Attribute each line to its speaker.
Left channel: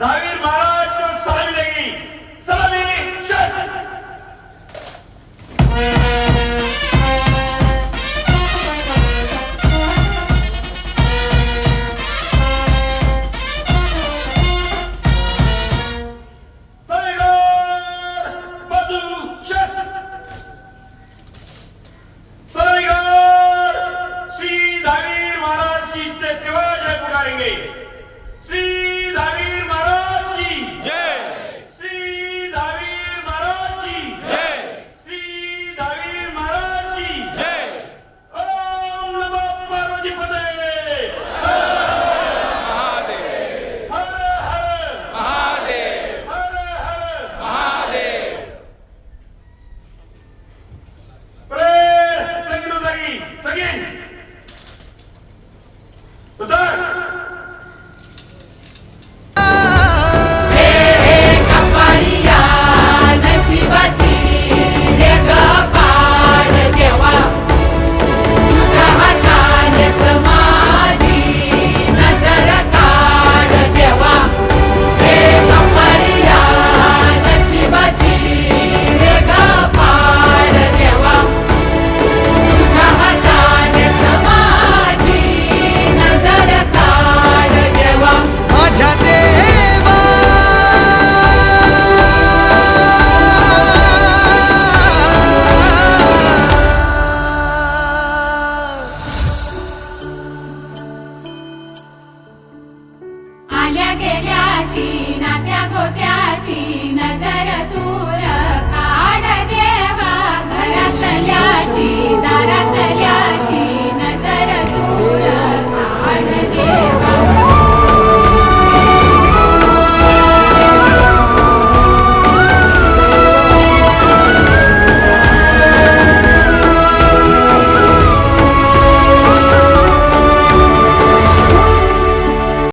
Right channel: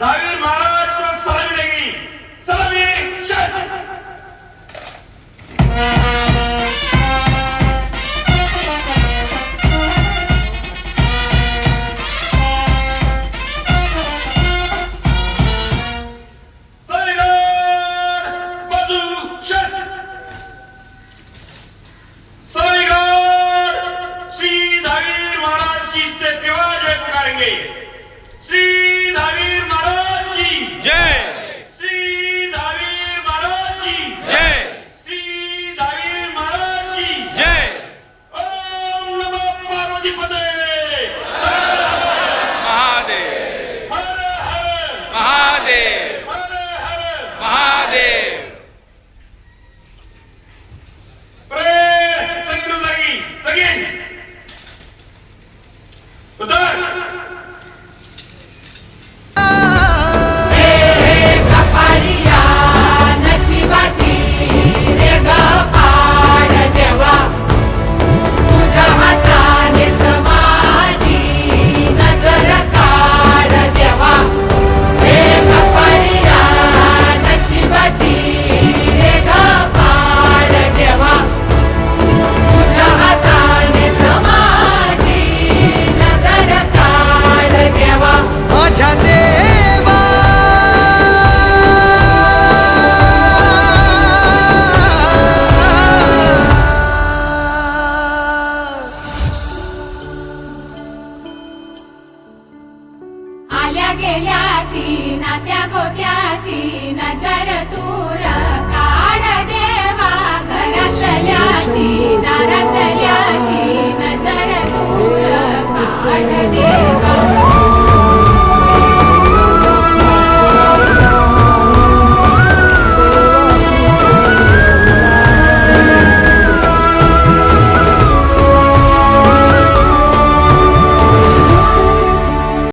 Speaker 1: Davet 不对。
Speaker 2: माझ्या देवा.
Speaker 1: आल्या गेल्याची नात्या गोत्याची नजर तूर काढ देवा घरातल्याची